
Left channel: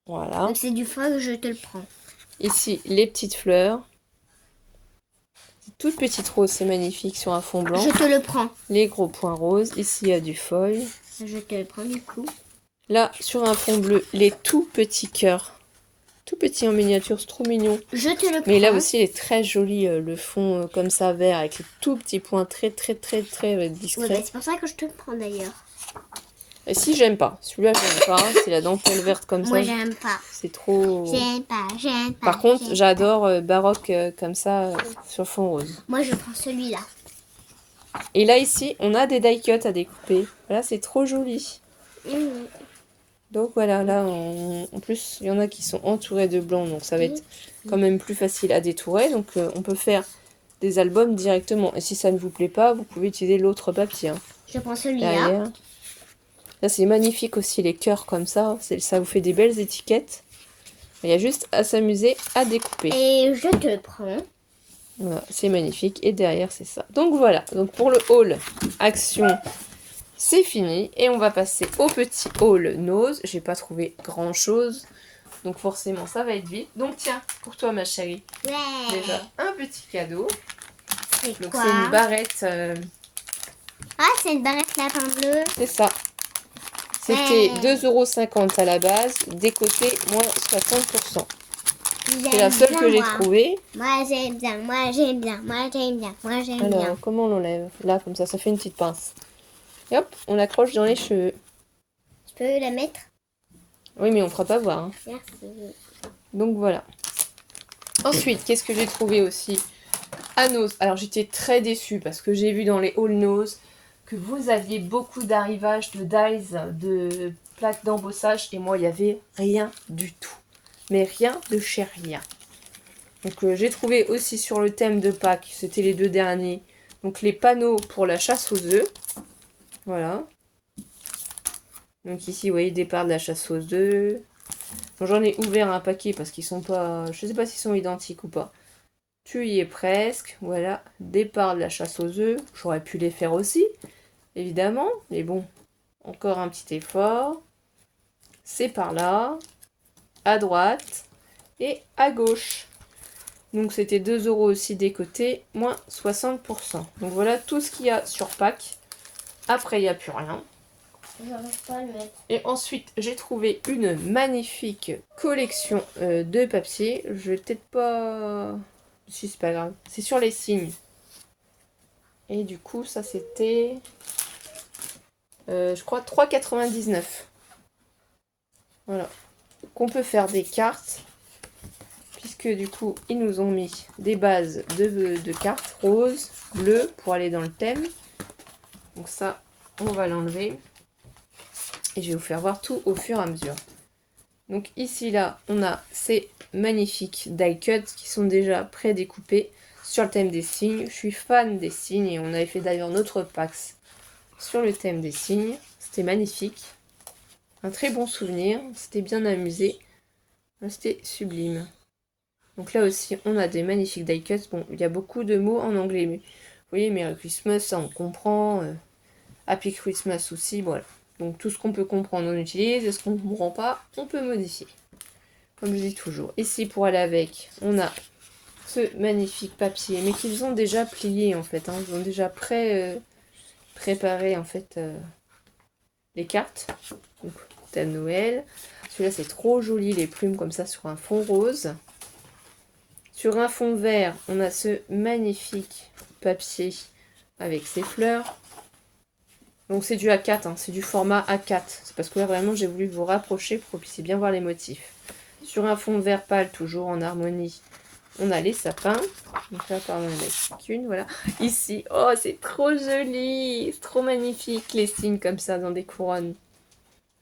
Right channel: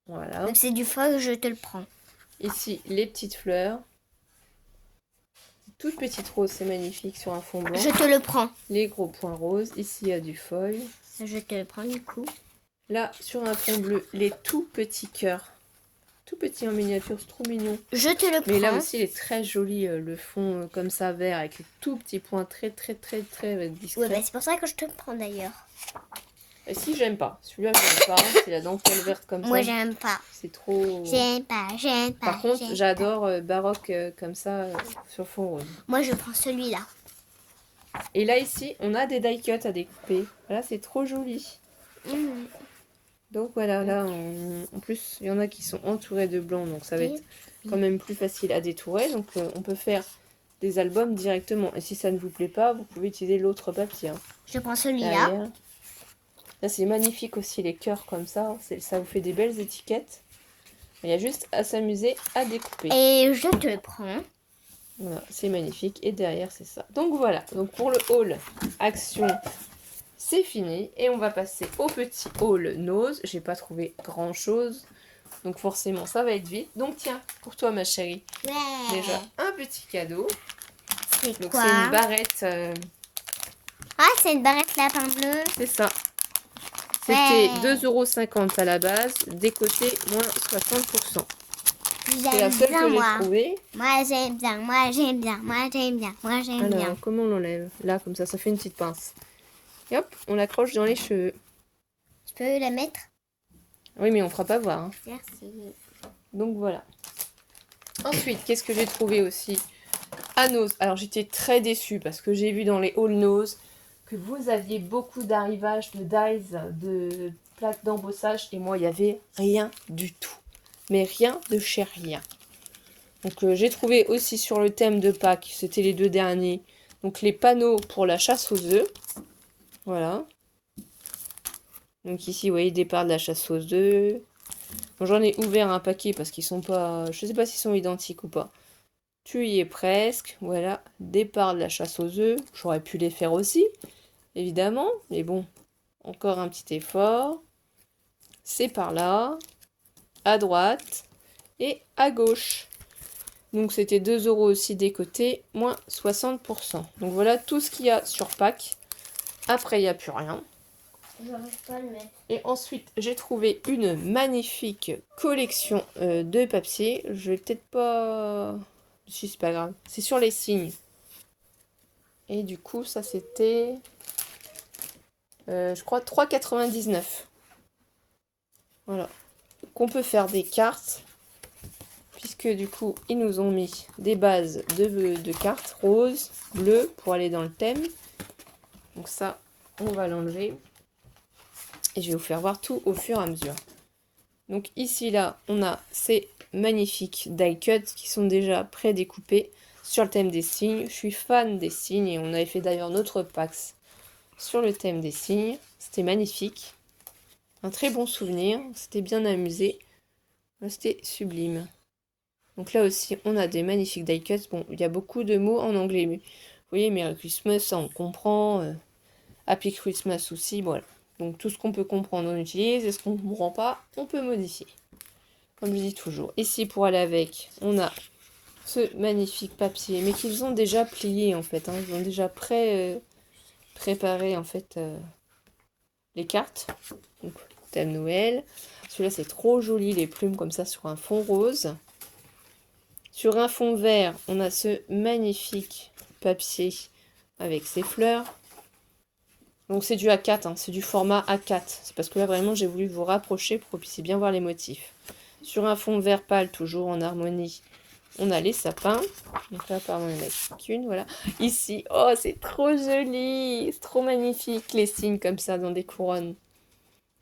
Voilà. Donc c'est du feuille, je te le prends. Ici, les petites fleurs. Toutes petites roses, c'est magnifique sur un fond blanc. Je te le prends. Les gros points roses. Ici, il y a du feuille. Je te le prends du coup. Là, sur un fond bleu, les tout petits cœurs. Tout petits en miniature, c'est trop mignon. Je te le prends. Mais là aussi, il est très joli, le fond comme ça, vert, avec les tout petits points très discrets. Oui, bah, c'est pour ça que je te le prends d'ailleurs. Et si, j'aime pas. Celui-là, j'aime pas. C'est la dentelle verte comme Moi ça. j'aime pas. C'est trop... J'aime pas, j'aime pas. Par contre, j'aime j'adore baroque comme ça, sur fond rose. pas. Moi je prends celui-là. Et là, ici, on a des die cuts à découper. Voilà, c'est trop joli. Donc voilà, là, en plus, il y en a qui sont entourés de blanc, donc ça va être quand même plus facile à détourer. Donc on peut faire des albums directement. Et si ça ne vous plaît pas, vous pouvez utiliser l'autre papier. Hein, Je prends celui-là. derrière. Là, c'est magnifique aussi, les cœurs comme ça. Ça vous fait des belles étiquettes. Il y a juste à s'amuser à découper. Et je te le prends. Voilà, c'est magnifique. Et derrière, c'est ça. Donc voilà, donc pour le haul action, c'est fini. Et on va passer au petit haul nose. J'ai pas trouvé grand chose. Donc forcément, ça va être vite. Donc tiens, pour toi, ma chérie, Ouais. déjà un petit cadeau. C'est Donc quoi? c'est une barrette. Ah, c'est une barrette lapin bleu. C'est ça. C'était Ouais. 2,50 € à la base. Décoté, moins 60%. C'est la J'aime seule bien, que j'ai moi. trouvée. Moi j'aime bien, moi j'aime bien, moi j'aime bien, moi j'aime Alors, bien. comment on l'enlève? Là, comme ça fait une petite pince. Et hop, on accroche dans les cheveux. Je peux la mettre? Oui, mais on fera pas voir. Hein. Merci. Donc voilà. Ensuite, qu'est-ce que j'ai trouvé aussi à Nose? Alors, j'étais très déçue parce que j'ai vu dans les All Nose que vous aviez beaucoup d'arrivages de dies, de plaques d'embossage, et moi, il n'y avait rien du tout. Mais rien de chez rien. Donc, j'ai trouvé aussi sur le thème de Pâques, c'était les 2 derniers, donc les panneaux pour la chasse aux œufs. Voilà. Donc ici, vous voyez, départ de la chasse aux œufs. Bon, j'en ai ouvert un paquet parce qu'ils sont pas... Je sais pas s'ils sont identiques ou pas. Tu y es presque. Voilà, départ de la chasse aux œufs. J'aurais pu les faire aussi, évidemment. Mais bon, encore un petit effort. C'est par là, à droite et à gauche. Donc c'était 2 € aussi des côtés, moins 60%. Donc voilà tout ce qu'il y a sur Pâques. Après, il n'y a plus rien. J'arrive pas à le mettre. Et ensuite, j'ai trouvé une magnifique collection de papier. Je vais peut-être pas... Si, c'est pas grave. C'est sur les signes. Et du coup, ça c'était... je crois 3,99 €. Voilà. Qu'on peut faire des cartes. Puisque du coup, ils nous ont mis des bases de cartes roses, bleues, pour aller dans le thème. Donc ça, on va l'enlever. Et je vais vous faire voir tout au fur et à mesure. Donc ici, là, on a ces magnifiques die cuts qui sont déjà pré-découpés sur le thème des signes. Je suis fan des signes et on avait fait d'ailleurs notre PAX sur le thème des signes. C'était magnifique. Un très bon souvenir. C'était bien amusé. C'était sublime. Donc là aussi, on a des magnifiques die cuts. Bon, il y a beaucoup de mots en anglais. Mais, vous voyez, Merry Christmas, ça on comprend. Happy Christmas aussi, voilà. Donc tout ce qu'on peut comprendre, on utilise. Et ce qu'on ne comprend pas, on peut modifier. Comme je dis toujours. Ici, pour aller avec, on a ce magnifique papier, mais qu'ils ont déjà plié en fait, hein. Ils ont déjà préparé en fait les cartes. Donc, thème Noël. Celui-là c'est trop joli, les plumes comme ça sur un fond rose. Sur un fond vert, on a ce magnifique papier avec ses fleurs. Donc c'est du A4, hein, c'est du format A4. C'est parce que là vraiment j'ai voulu vous rapprocher pour que vous puissiez bien voir les motifs. Sur un fond vert pâle, toujours en harmonie, on a les sapins. Donc là, pardon, il n'y en a qu'une, voilà. Ici, oh, c'est trop joli, c'est trop magnifique, les signes comme ça dans des couronnes.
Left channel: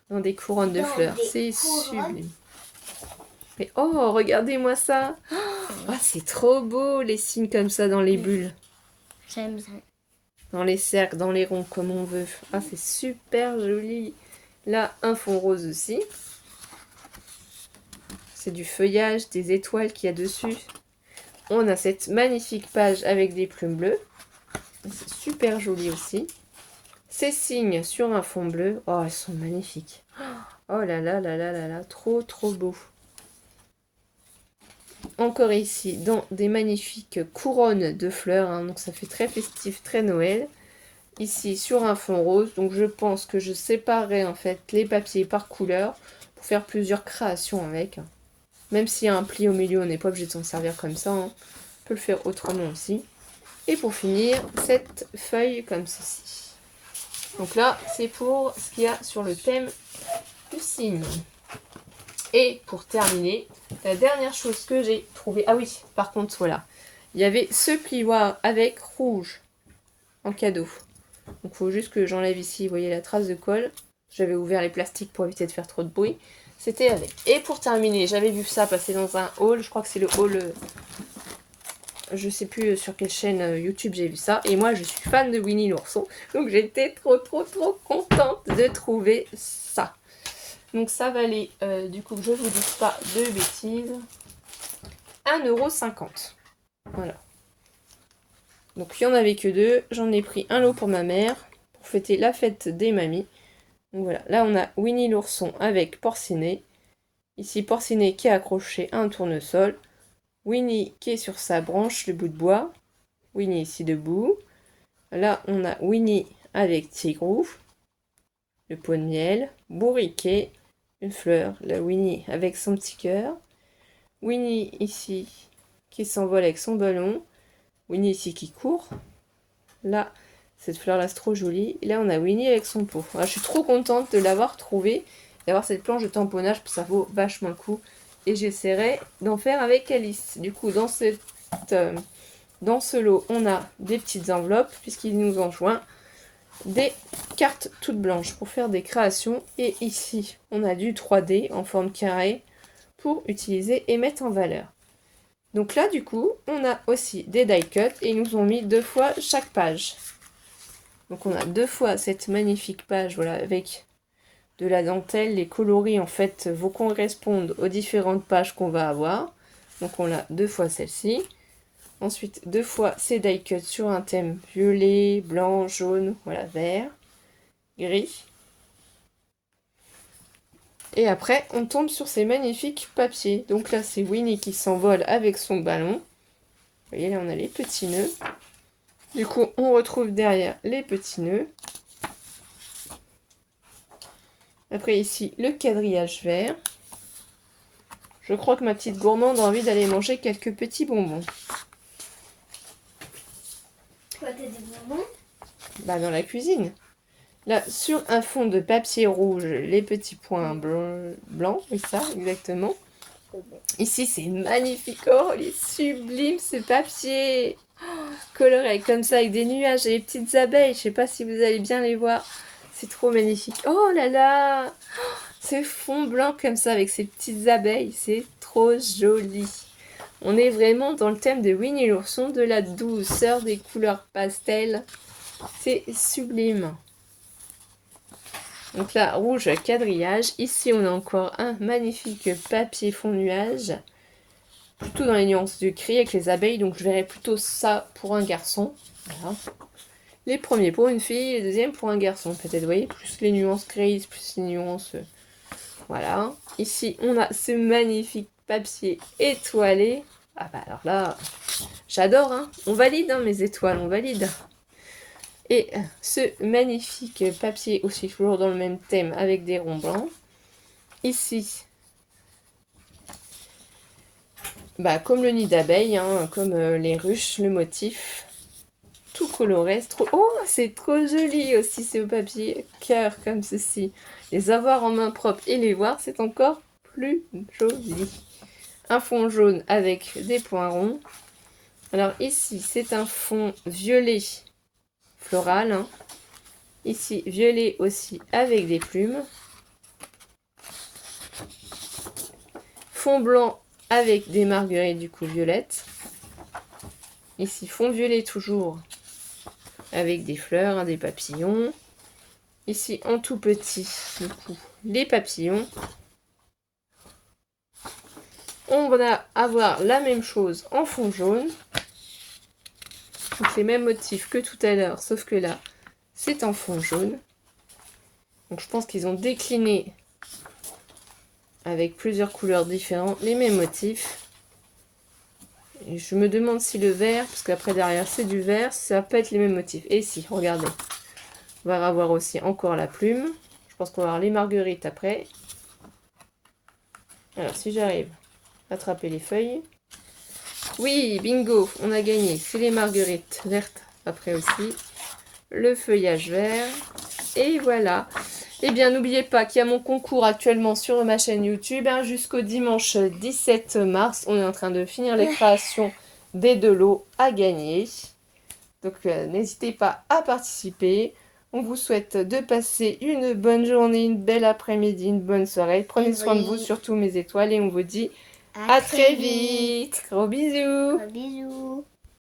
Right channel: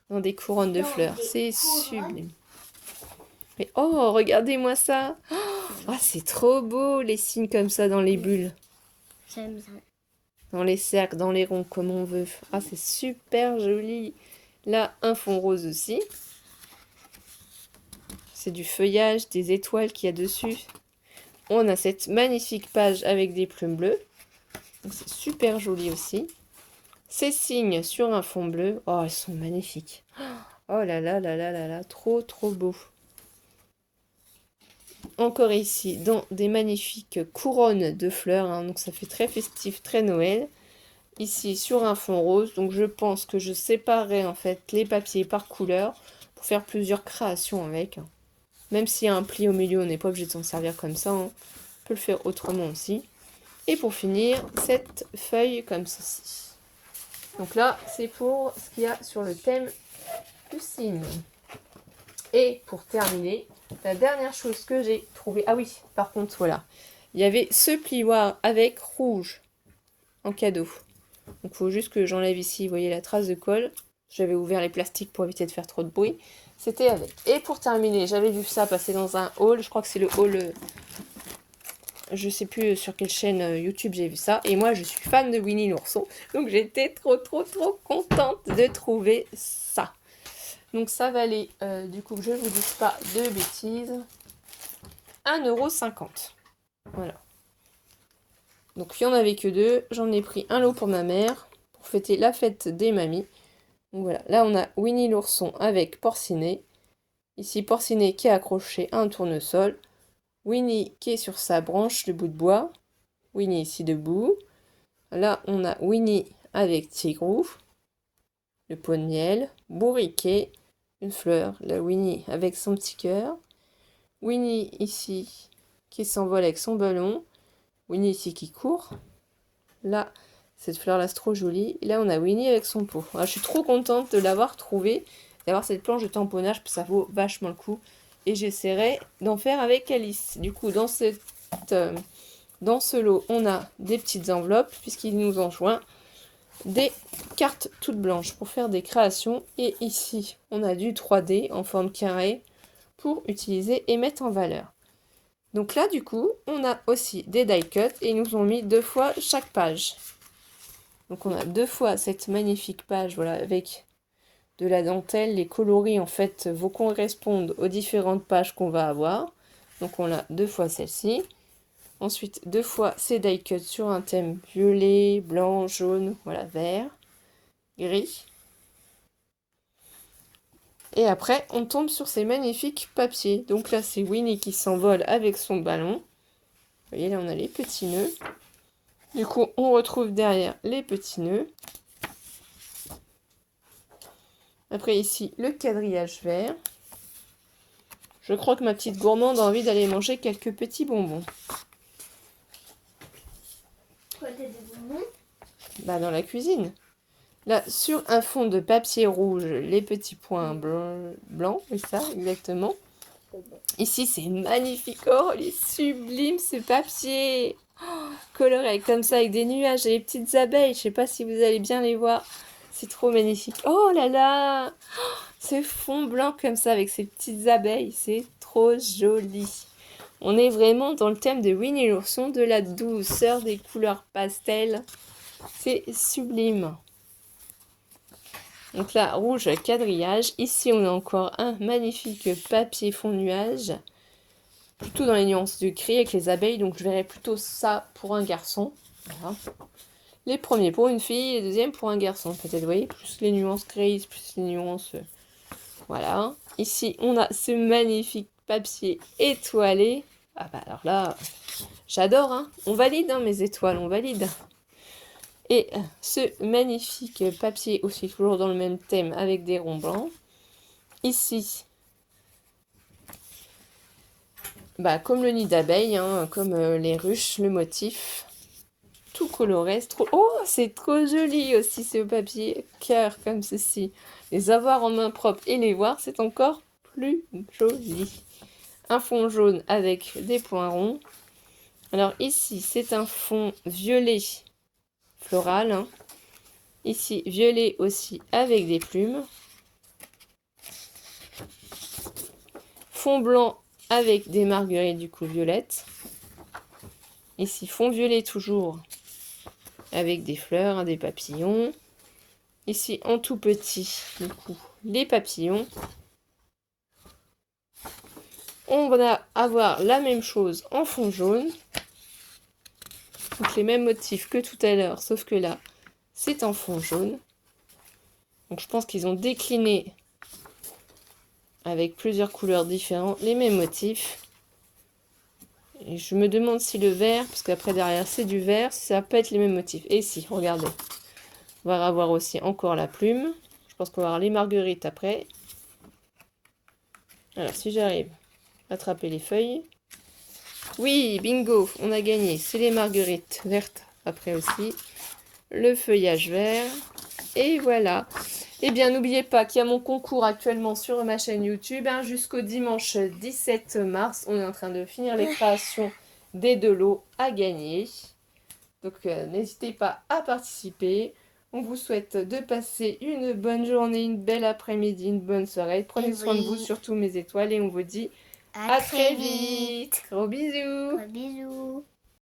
Dans des couronnes de fleurs, c'est sublime. Mais oh, regardez-moi ça. Ah, c'est trop beau, les signes comme ça dans les bulles. J'aime ça. Dans les cercles, dans les ronds, comme on veut. Ah, c'est super joli. Là, un fond rose aussi. C'est du feuillage, des étoiles qu'il y a dessus. On a cette magnifique page avec des plumes bleues. C'est super joli aussi. Ces signes sur un fond bleu. Oh, ils sont magnifiques. Oh là là là là là là, trop trop beau. Encore ici, dans des magnifiques couronnes de fleurs. Hein, donc ça fait très festif, très Noël. Ici, sur un fond rose. Donc je pense que je séparerai en fait les papiers par couleur pour faire plusieurs créations avec. Même s'il y a un pli au milieu, on n'est pas obligé de s'en servir comme ça. Hein. On peut le faire autrement aussi. Et pour finir, cette feuille comme ceci. Donc là, c'est pour ce qu'il y a sur le thème du signe. Et pour terminer, la dernière chose que j'ai trouvée... Ah oui, par contre, voilà. Il y avait ce plioir avec rouge en cadeau. Donc il faut juste que j'enlève ici, vous voyez la trace de colle. J'avais ouvert les plastiques pour éviter de faire trop de bruit. C'était avec. Et pour terminer, j'avais vu ça passer dans un haul. Je crois que c'est le haul... je sais plus sur quelle chaîne YouTube j'ai vu ça. Et moi, je suis fan de Winnie l'ourson. Donc j'étais trop contente de trouver ça. Donc ça valait, du coup, je ne vous dis pas de bêtises, 1,50 €. Voilà. Donc il n'y en avait que deux. J'en ai pris un lot pour ma mère, pour fêter la fête des mamies. Donc voilà, là on a Winnie l'ourson avec Porcinet. Ici Porcinet qui est accroché à un tournesol. Winnie qui est sur sa branche de bout de bois. Winnie ici debout. Là on a Winnie avec Tigrou. Le pot de miel. Bourriquet. Une fleur. La Winnie avec son petit cœur. Winnie ici qui s'envole avec son ballon. Winnie ici qui court. Là, cette fleur-là, c'est trop jolie. Et là, on a Winnie avec son pot. Alors, je suis trop contente de l'avoir trouvée, d'avoir cette planche de tamponnage, parce que ça vaut vachement le coup. Et j'essaierai d'en faire avec Alice. Du coup, dans ce lot, on a des petites enveloppes, puisqu'il nous en joint des cartes toutes blanches pour faire des créations. Et ici, on a du 3D en forme carrée pour utiliser et mettre en valeur. Donc là, du coup, on a aussi des die cut et ils nous ont mis 2 fois chaque page. Donc on a 2 fois cette magnifique page, voilà, avec de la dentelle. Les coloris, en fait, vont correspondre aux différentes pages qu'on va avoir. Donc on a 2 fois celle-ci. Ensuite, 2 fois ces die cut sur un thème violet, blanc, jaune, voilà, vert, gris. Et après, on tombe sur ces magnifiques papiers. Donc là, c'est Winnie qui s'envole avec son ballon. Vous voyez, là, on a les petits nœuds. Du coup, on retrouve derrière les petits nœuds. Après, ici, le quadrillage vert. Je crois que ma petite gourmande a envie d'aller manger quelques petits bonbons. Quoi, t'as des bonbons? Bah, dans la cuisine. Là, sur un fond de papier rouge, les petits points blancs, oui, ça, exactement. Ici, c'est magnifique. Oh, il est sublime ce papier. Oh, coloré comme ça, avec des nuages et des petites abeilles. Je sais pas si vous allez bien les voir. C'est trop magnifique. Oh là là, ce fond blanc comme ça, avec ces petites abeilles, c'est trop joli. On est vraiment dans le thème de Winnie l'ourson, de la douceur, des couleurs pastel. C'est sublime. Donc là, rouge quadrillage. Ici, on a encore un magnifique papier fond nuage. Plutôt dans les nuances du gris avec les abeilles. Donc je verrais plutôt ça pour un garçon. Voilà. Les premiers pour une fille, les deuxièmes pour un garçon. Peut-être, vous voyez, plus les nuances grises, plus les nuances... Voilà. Ici, on a ce magnifique papier étoilé. Ah bah alors là, j'adore, hein. On valide, hein, mes étoiles, on valide. Et ce magnifique papier aussi toujours dans le même thème avec des ronds blancs. Ici, bah, comme le nid d'abeille, hein, comme les ruches, le motif. Tout coloré, c'est trop... Oh, c'est trop joli aussi, c'est au papier cœur comme ceci. Les avoir en main propre et les voir, c'est encore plus joli. Un fond jaune avec des points ronds. Alors ici, c'est un fond violet floral. Hein. Ici, violet aussi avec des plumes. Fond blanc avec des marguerites du coup violettes. Ici, fond violet toujours avec des fleurs, hein, des papillons. Ici, en tout petit, du coup, les papillons. On va avoir la même chose en fond jaune. Donc les mêmes motifs que tout à l'heure, sauf que là, c'est en fond jaune. Donc je pense qu'ils ont décliné avec plusieurs couleurs différentes les mêmes motifs. Et je me demande si le vert, parce qu'après derrière c'est du vert, ça peut être les mêmes motifs. Et si, regardez. On va avoir aussi encore la plume. Je pense qu'on va avoir les marguerites après. Alors si j'arrive à attraper les feuilles. Oui, bingo, on a gagné. C'est les marguerites vertes après aussi. Le feuillage vert. Et voilà. Eh bien, n'oubliez pas qu'il y a mon concours actuellement sur ma chaîne YouTube. Hein, jusqu'au dimanche 17 mars. On est en train de finir les créations des 2 lots à gagner. Donc, n'hésitez pas à participer. On vous souhaite de passer une bonne journée, une belle après-midi, une bonne soirée. Prenez soin de vous, surtout mes étoiles. Et on vous dit à très vite. Gros bisous. Gros bisous.